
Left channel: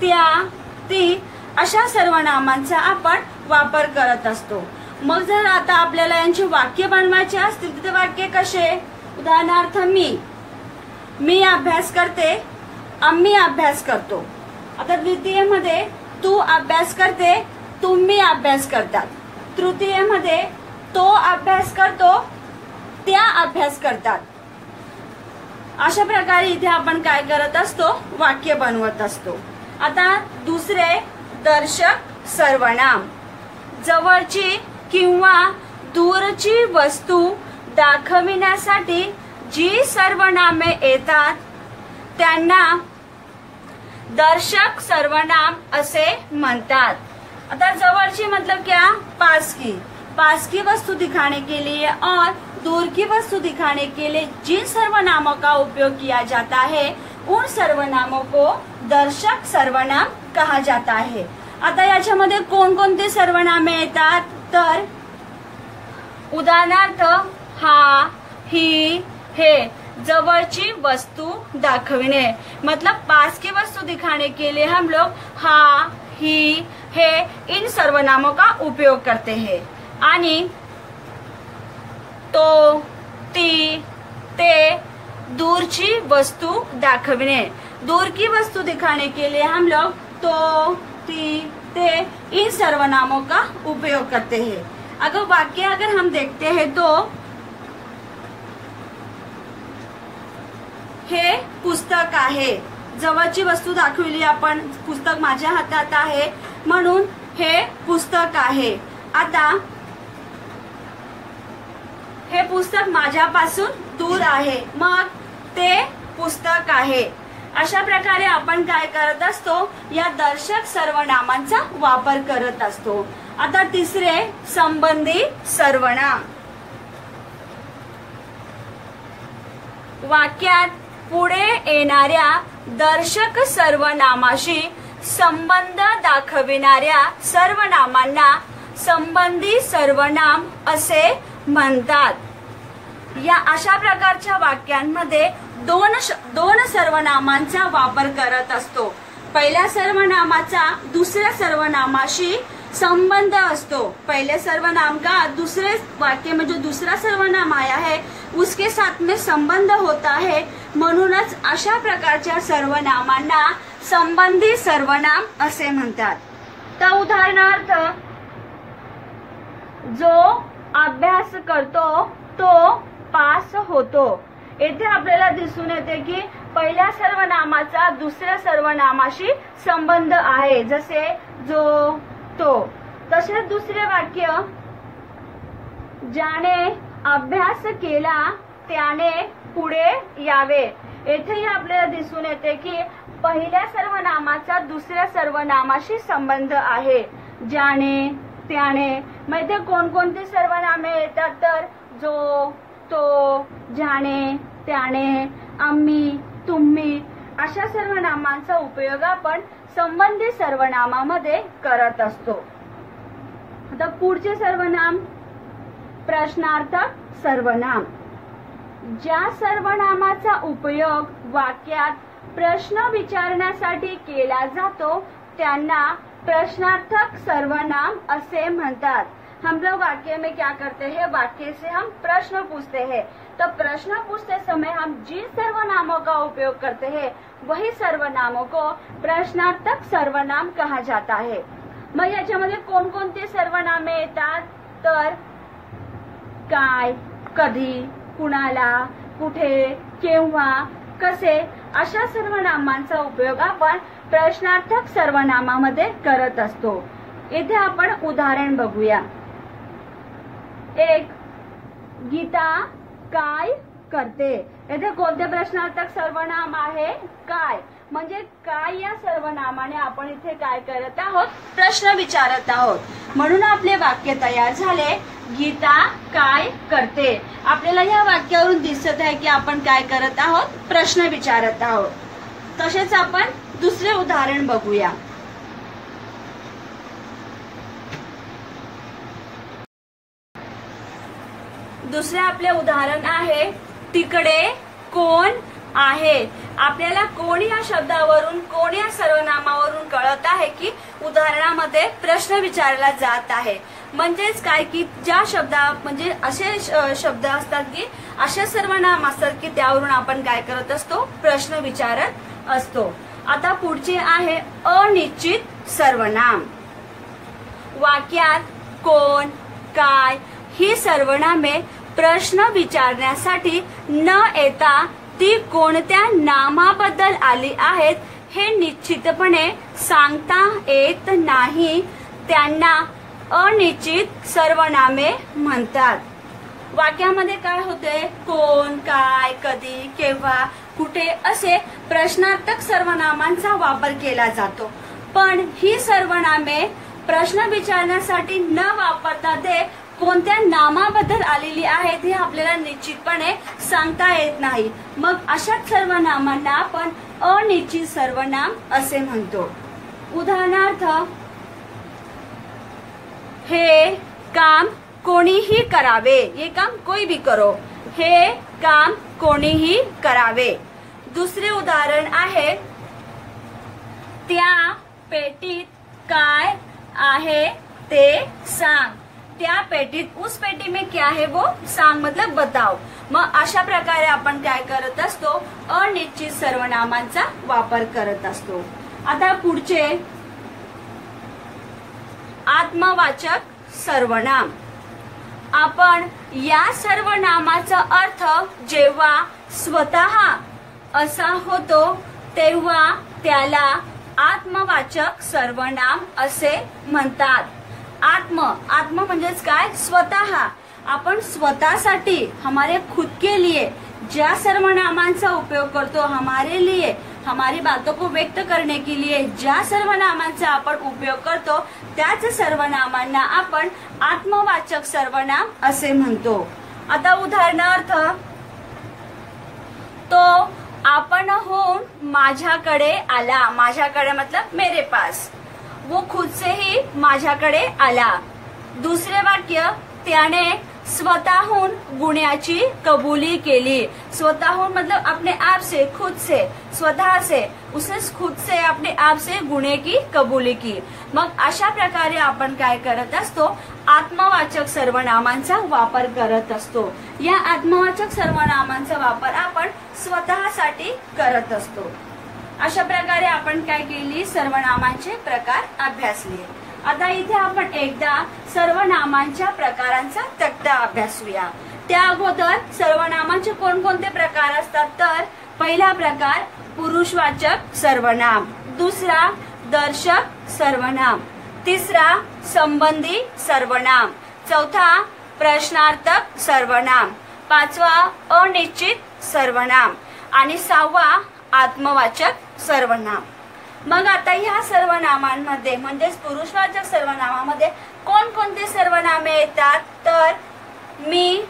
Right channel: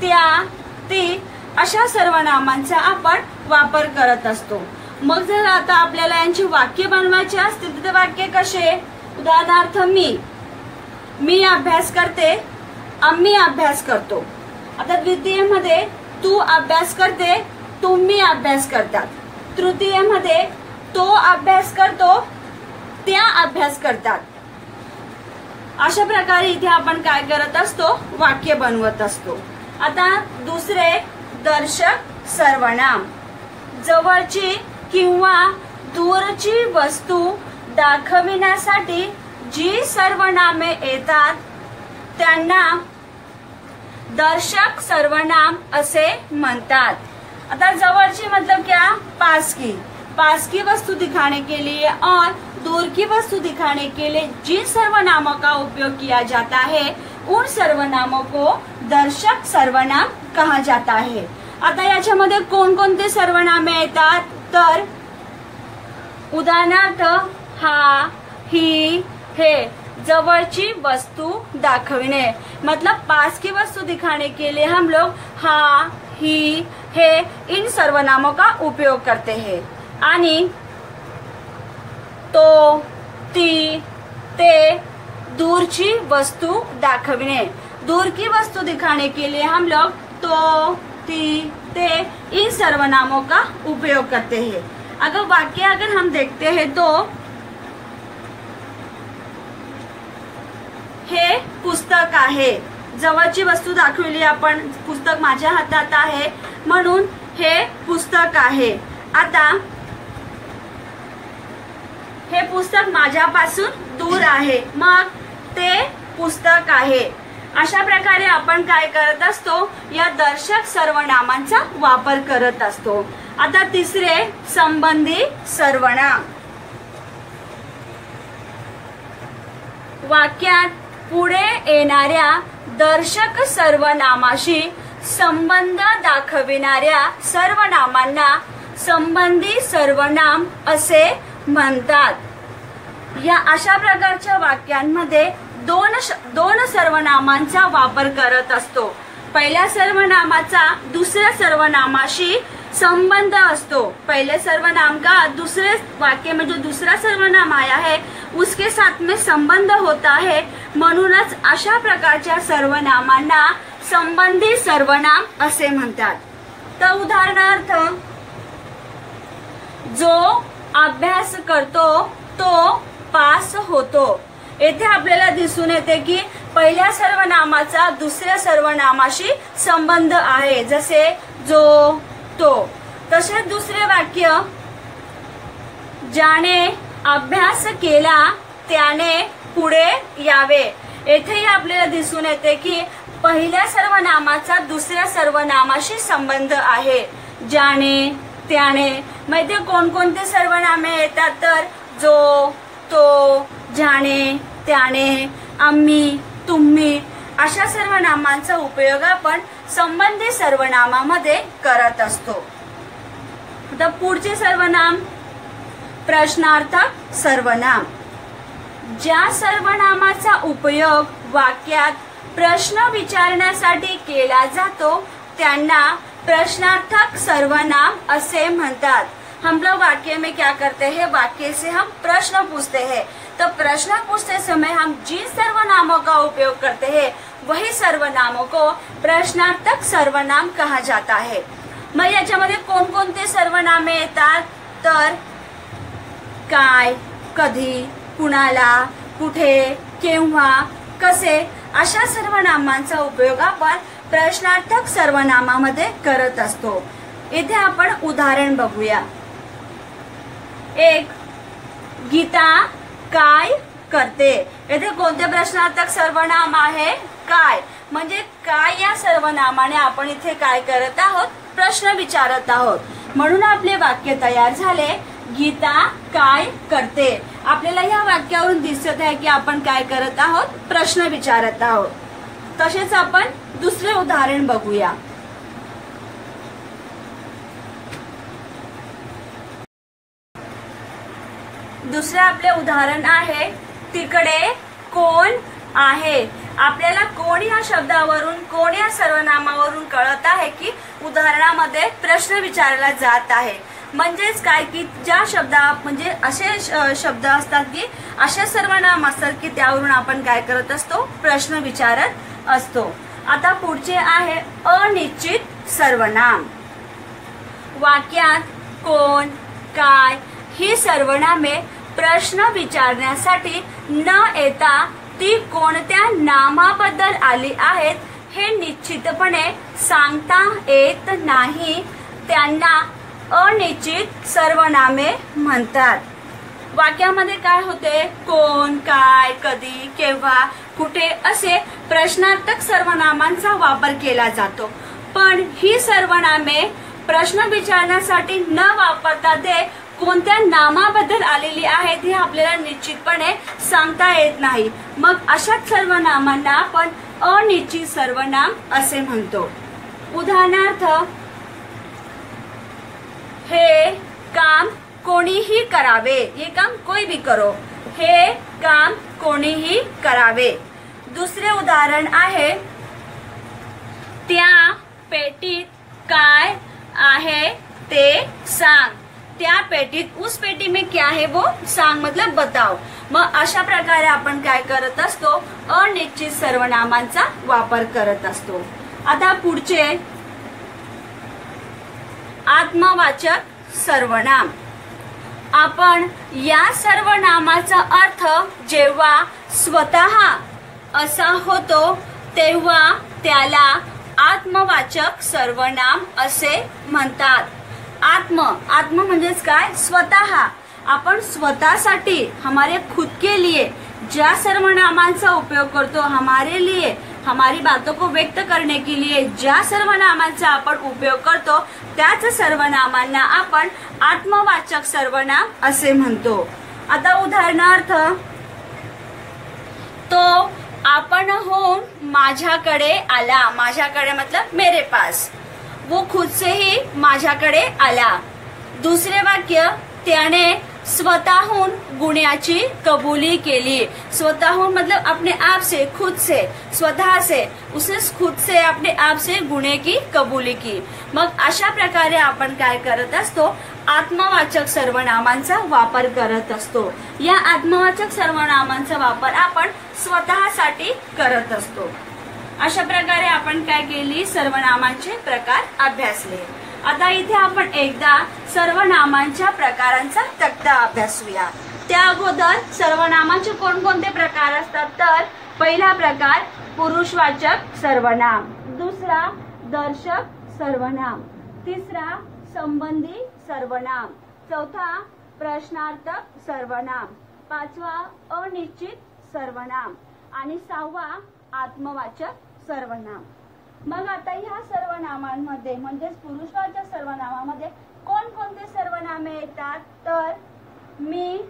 त्या, ती अशा सर्वनामांचा आपण वापर करत असतो. मग जर आता आपल्याला यांची वाक्य बनवायची असतील तर वाक्य कसे? उदाहरणार्थ मी अभ्यास करते, आम्ही अभ्यास करतो. आता द्वितीय मध्ये तू अभ्यास करते, तुम्ही अभ्यास करतात. तृतीय मध्ये तो अभ्यास करतो, त्या अभ्यास करतात. अशा प्रकारे इथे आपण काय करत असतो? वाक्य बनवत असतो. आता दुसरे दर्शक सर्वनाम. जवळची किंवा दूरची वस्तू दाखविण्यासाठी जी सर्वनामे येतात त्यांना दर्शक सर्वनाम असे म्हणतात. आता जवळची मतलब क्या? पास की. पास की वस्तु दिखाने के लिए और दूर की वस्तु दिखाने के लिए जिन सर्वनामों का उपयोग किया जाता है उन सर्वनामों को दर्शक सर्वनाम कहा जाता है. आता याच्यामध्ये कोणकोणते सर्वनामे येतात? तर उदाहरणार्थ हा, ही, हे. जवळची वस्तु दाखविणे मतलब पास की वस्तु दिखाने के लिए हम लोग हा, ही, हे इन सर्वनामों का उपयोग करते हैं. आणि तो, ती, ते दूरची वस्तु दाखविणे. दूर की वस्तु दिखाने के लिए हम लोग तो, ती, ते इन सर्वनामों का उपयोग करते हैं. अगर हम देखते हैं तो हे पुस्तक आहे. जवळची वस्तू दाखवली आपण, पुस्तक माझ्या हातात आहे म्हणून हे पुस्तक आहे. आता हे पुस्तक माझ्यापासून दूर आहे मग ते पुस्तक आहे. अशा प्रकारे आपण काय करत असतो? या दर्शक सर्वनामांचा वापर करत असतो. आता तिसरे संबंधी सर्वनाम. वाक्यात पुढे येणाऱ्या दर्शक सर्वनामाशी संबंध दाखविणाऱ्या सर्वनामांना संबंधी सर्वनाम असे म्हणतात. या अशा प्रकारच्या वाक्यांमध्ये दोन सर्वनामांचा वापर करत असतो. पहिल्या सर्वनामाचा दुसऱ्या सर्वनामाशी संबंध असतो. पहले सर्वनाम का दूसरे वाक्य में जो दूसरा सर्वनाम आया है उसके साथ में संबंध होता है. म्हणूनच अशा प्रकारच्या सर्वनामांना संबंधी सर्वनाम असे म्हणतात. तर उदाहरणार्थ जो अभ्यास करतो तो पास होतो. येथे आपल्याला दिसून येते की पहिल्या सर्वनामाचा दुसऱ्या सर्वनामाशी संबंध आहे, जसे जो, तो. तसेच दुसरे वाक्य, ज्याने अभ्यास केला त्याने पुढे यावे. येथेही आपल्याला दिसून येते की पहिल्या सर्वनामाचा दुसऱ्या सर्वनामाशी संबंध आहे. ज्याने, त्याने. मग इथे कोणकोणते सर्वनामे येतात तर जो, तो, ज्याने, त्याने, आम्ही, तुम्ही अशा सर्वनामांचा उपयोग आपण संबंधित सर्वनामामध्ये करत असतो. आता पुढचे सर्वनाम, प्रश्नार्थक सर्वनाम. ज्या सर्वनामाचा उपयोग वाक्यात प्रश्न विचारण्यासाठी केला जातो त्यांना प्रश्नार्थक सर्वनाम असे म्हणतात. हम लोग वाक्य में क्या करते हैं, वाक्य से हम प्रश्न पूछते हैं, तो प्रश्न पूछते समय हम जिन सर्वनामों का उपयोग करते हैं वही सर्वनामों को प्रश्नार्थक सर्वनाम कहा जाता है. मग याच्यामध्ये कोणकोणते सर्वनामे येतात तर काय, कधी, कुणाला, कुठे, केव्हा, कसे अशा सर्वनामांचा उपयोग आपण प्रश्नार्थक सर्वनामामध्ये करत असतो. इथे आपण उदाहरण बघूया. एक, गीता काय करते. येथे कोणते प्रश्नार्थक सर्वनाम आहे, काय. म्हणजे काय या सर्वनामाने आपण इथे काय करत आहोत, प्रश्न विचारत आहोत. म्हणून आपले वाक्य तयार झाले, गीता काय करते. आपल्याला या वाक्यावरून दिसत आहे की आपण काय करत आहोत, प्रश्न विचारत आहोत. तसेच आपण दुसरे उदाहरण बघूया. दुसरे आपले उदाहरण आहे, तिकडे कोण आहे. आपल्याला कोण या शब्दावरून, कोण या सर्वनामावरून कळत आहे की उदाहरणामध्ये प्रश्न विचारला जात आहे. म्हणजेच काय की ज्या शब्दा म्हणजे असे शब्द असतात की असे सर्वनाम असतात की त्यावरून आपण काय करत असतो, प्रश्न विचारत असतो. आता पुढचे आहे अनिश्चित सर्वनाम. वाक्यात कोण, काय ही सर्वनामे प्रश्न विचारण्यासाठी न येता ती कोणत्या नामाबद्दल आली आहेत हे निश्चितपणे सांगता येत नाही, त्यांना अनिश्चित सर्वनामे म्हणतात. वाक्यामध्ये काय होते, कोण, काय, कधी, केव्हा, कुठे असे प्रश्नार्थक सर्वनामांचा वापर केला जातो. पण ही सर्वनामे प्रश्न विचारण्यासाठी न वापरता ते कोणत्या नामाबद्दल आलेली आहेत हे आपल्याला निश्चितपणे सांगता येत नाही. मग अशाच सर्वनामांना आपण अनिश्चित सर्वनाम असे म्हणतो. उदाहरणार्थ, हे काम कोणीही करावे. ये काम कोई भी करो. हे काम कोणीही करावे. दुसरे उदाहरण आहे, त्या पेटीत काय आहे ते सांग. त्या पेटीत, उस पेटी में क्या है वो सांग मतलब बताओ. मग अशा प्रकारे आपण काय करत असतो, अनिश्चित सर्वनामांचा वापर करत असतो. आता पुढचे आत्मवाचक सर्वनाम. आपण या सर्वनामाचा अर्थ जेव्हा स्वतः असा होतो तेव्हा त्याला आत्मवाचक सर्वनाम असे म्हणतात. आत्म म्हणजेच काय, स्वतः. आपण स्वतःसाठी, हमारे खुद के लिए ज्या सर्वनामांचा उपयोग करतो, हमारे लिए, हमारी बातों को व्यक्त करने के लिए ज्या सर्वनामांचा आपण उपयोग करतो त्याच सर्वनामांना आपण आत्मवाचक सर्वनाम असे म्हणतो. आता उदाहरणार्थ, तो आपणहून माझ्याकडे आला. माझ्याकडे मतलब मेरे पास. वो खुद से ही माझ्याकडे आला. दुसरे वाक्य, त्याने स्वतःहून गुन्ह्याची कबुली केली. स्वतःहून मतलब अपने आप से, खुद से, स्वतः से, उसने खुद से अपने आप से गुन्हे की कबुली की. मग अशा प्रकारे आपण काय करत असतो, आत्मवाचक सर्वनामांचा वापर करत असतो. या आत्मवाचक सर्वनामांचा वापर आपण स्वतःसाठी करत असतो. अशा प्रकारे आपण काय केली, सर्वनामांचे प्रकार अभ्यासले. आता इथे आपण एकदा सर्वनामांच्या प्रकारांचा तक्ता अभ्यासूया. त्या अगोदर सर्वनामाचे कोणकोणते प्रकार असतात तर पहिला प्रकार पुरुषवाचक सर्वनाम, दुसरा दर्शक सर्वनाम, तिसरा संबंधी सर्वनाम, चौथा प्रश्नार्थक सर्वनाम, पाचवा अनिश्चित सर्वनाम आणि सहावा आत्मवाचक सर्वनाम। मग आता ह्या सर्वनामांमध्ये म्हणजेच पुरुषवाचक सर्वनामामध्ये कोणकोणते सर्वनामे येतात तर मी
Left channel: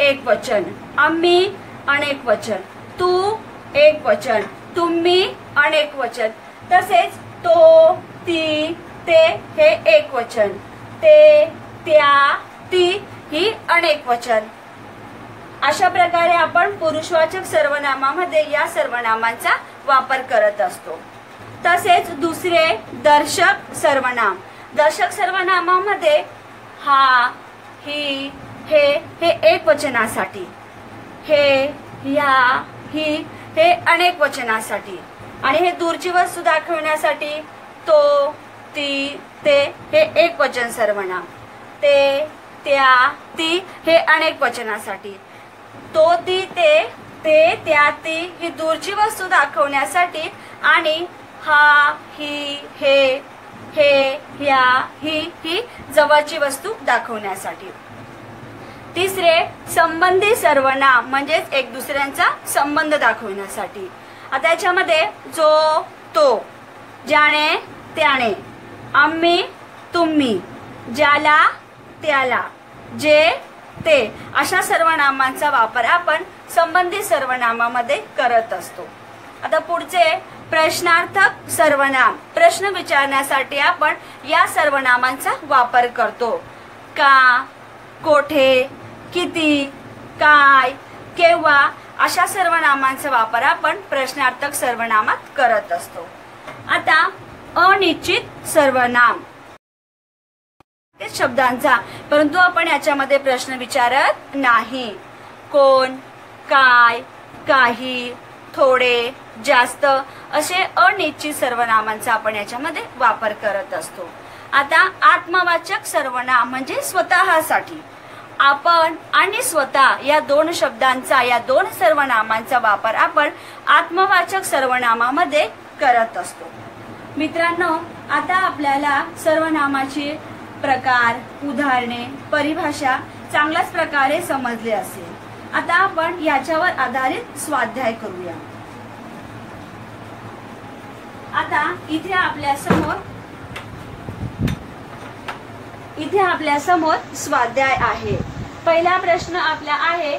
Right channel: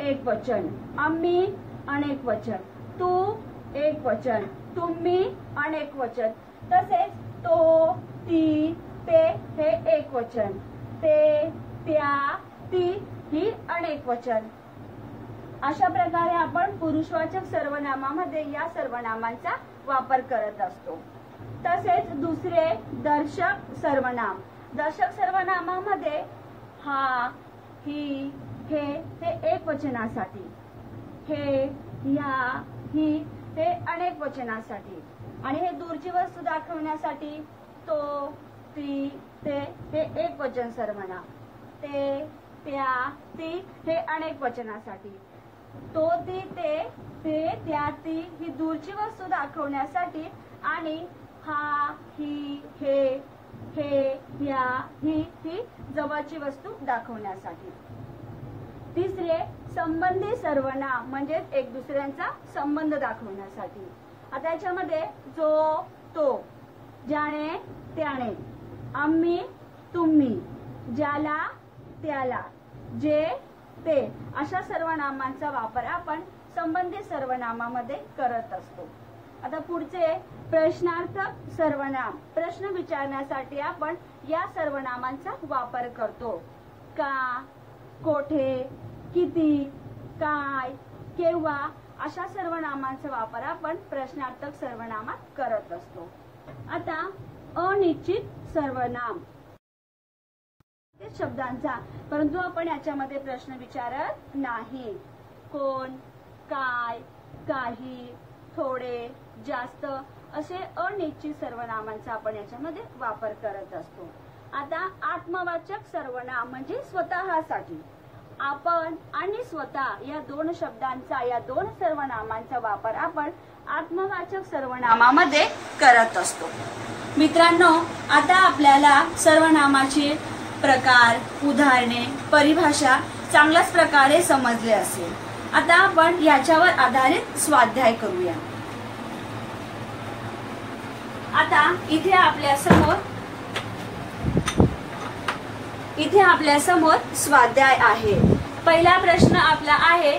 एकवचन, आम्ही अनेक वचन, तू एक वचन, तुम्ही अनेक वचन, तसेच तो, ती, ते हे एक वचन, ते, त्या, ती ही अनेक वचन। अशा प्रकारे आपण पुरुषवाचक सर्वनामामध्ये या सर्वनामांचा वापर करत असतो। तसेच दुसरे दर्शक सर्वनाम, दर्शक सर्वनामामध्ये हा, ही, हे एक वचनासाठी, हे, ह्या, ही हे अनेक वचनासाठी आणि हे दूरची वस्तू दाखवण्यासाठी तो, ती, ते हे एक वचन सर्वनाम, ते, त्या, ती हे अनेक वचनासाठी, तो, ती, ते, त्या, ती ही दूरची वस्तू दाखवण्यासाठी आणि हा, ही, हे, ह्या, ही जवळची वस्तू दाखवण्यासाठी। तिसरे संबंधी सर्वनाम म्हणजेच एक दुसऱ्यांचा संबंध दाखवण्यासाठी। आता याच्यामध्ये जो, तो, ज्याने, त्याने, आम्ही, तुम्ही, ज्याला, त्याला, जे, ते अशा सर्वनामांचा वापर आपण संबंधी सर्वनामामध्ये करत असतो। आता पुढचे प्रश्नार्थक सर्वनाम, प्रश्न विचारण्यासाठी आपण या सर्वनामांचा वापर करतो। का, कोठे, किती, काय, केव्हा अशा सर्वनामांचा वापर आपण प्रश्नार्थक सर्वनामात करत असतो। आता अनिश्चित सर्वनाम शब्दांचा, परंतु आपण याच्यामध्ये प्रश्न विचारत नाही। कोण, काय, काही, थोडे, जास्त असे अनिश्चित सर्वनामांचा आपण याच्यामध्ये वापर करत असतो। आता आत्मवाचक सर्वनाम म्हणजे स्वतःसाठी, आपण आणि स्वतः या दोन शब्दांचा, या दोन सर्वनामांचा वापर आपण आत्मवाचक सर्वनामामध्ये करत असतो। मित्रांनो, आता आपल्याला सर्वनामाची प्रकार, उदाहरणे, परिभाषा चांगल्याच प्रकारे समजले असेल। आता आपण याच्यावर आधारित स्वाध्याय करूया। आता इथे आपल्या समोर स्वाध्याय आहे। पहिला प्रश्न आपला आहे,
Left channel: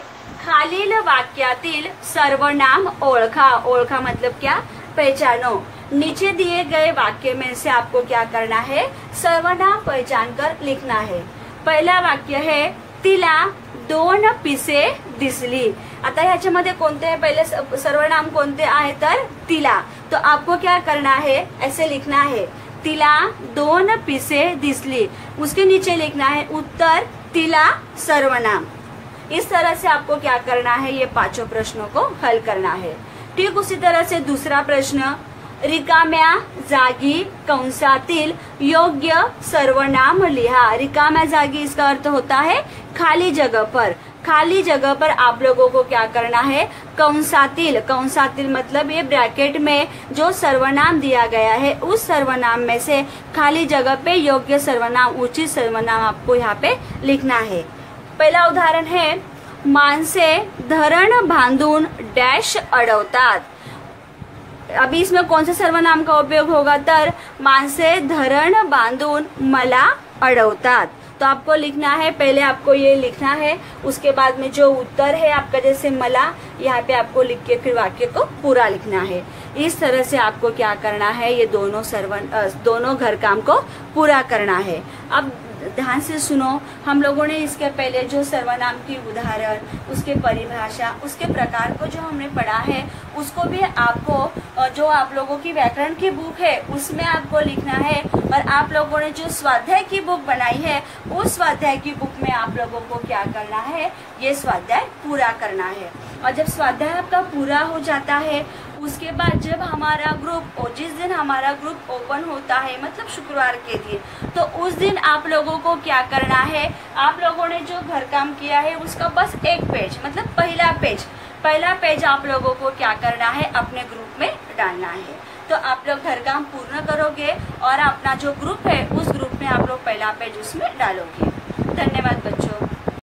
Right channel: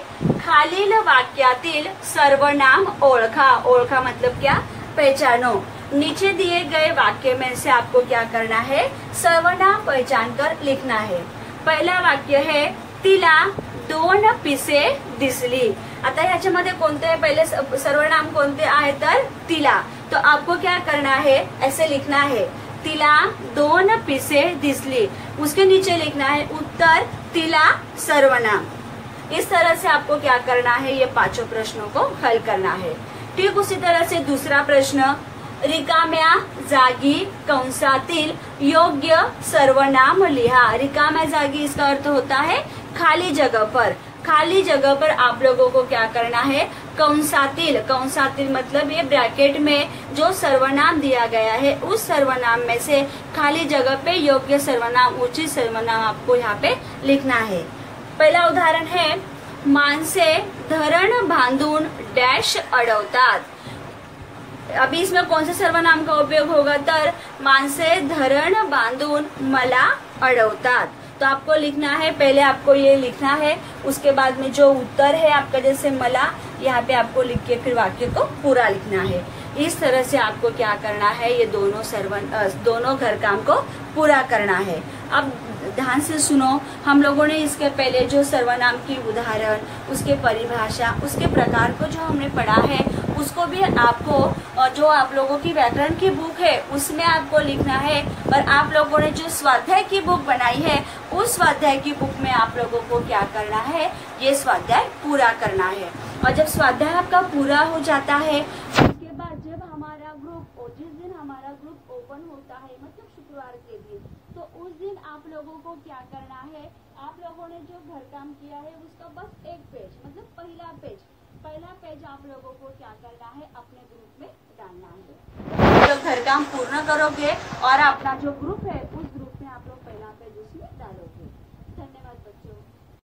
खालील वाक्यातील सर्वनाम ओळखा। ओळखा मतलब क्या, पहचानो। नीचे दिए गए वाक्य में से आपको क्या करना है, सर्वनाम पहचान कर लिखना है। पहला वाक्य है, तिला 2 पिसे दिसली। आता ह्याच्यामध्ये कोणते पहिले सर्वनाम कोणते आहे तर तिला, तो आपको क्या करना है, ऐसे लिखना है, तिला 2 पिसे दिसली। उसके नीचे लिखना है उत्तर, तिला सर्वनाम। इस तरह से आपको क्या करना है, ये पांचों प्रश्नों को हल करना है। ठीक उसी तरह से दूसरा प्रश्न, रिकाम्या जागी कंसातील योग्य सर्वनाम लिहा। रिकाम्या जागी इसका अर्थ होता है खाली जगह पर। खाली जगह पर आप लोगों को क्या करना है, कंसातील, कंसातील मतलब ये ब्रैकेट में जो सर्वनाम दिया गया है उस सर्वनाम में से खाली जगह पे योग्य सर्वनाम, उचित सर्वनाम आपको यहाँ पे लिखना है। पहला उदाहरण है, माणसे धरण बांधून डैश अडवतात। अभी इसमें कौन से सर्वनाम का उपयोग होगा तर माणसे धरण बांधून मला अडवतात। तो आपको लिखना है, पहले आपको ये लिखना है, उसके बाद में जो उत्तर है आपका जैसे मला, यहाँ पे आपको लिख के फिर वाक्य को पूरा लिखना है। इस तरह से आपको क्या करना है, ये दोनों घर काम को पूरा करना है। अब ध्यान से सुनो, हम लोगों ने इसके पहले जो सर्वनाम की उदाहरण, उसके परिभाषा, उसके प्रकार को जो हमने पढ़ा है उसको भी आपको, जो आप लोगों की व्याकरण की बुक है उसमें आपको लिखना है। और आप लोगों ने जो स्वाध्याय की बुक बनाई है उस स्वाध्याय की बुक में आप लोगों को क्या करना है, ये स्वाध्याय पूरा करना है। और जब स्वाध्याय आपका पूरा हो जाता है उसके बाद जब हमारा ग्रुप जिस दिन हमारा ग्रुप ओपन होता है मतलब शुक्रवार के दिन, तो उस दिन आप लोगों को क्या करना है, आप लोगों ने जो घर काम किया है उसका बस एक पेज मतलब पहला पेज आप लोगों को क्या करना है, अपने ग्रुप में डालना है। तो आप लोग घर काम पूर्ण करोगे और अपना जो ग्रुप है उस ग्रुप में आप लोग पहला पेज उसमें डालोगे। धन्यवाद बच्चों।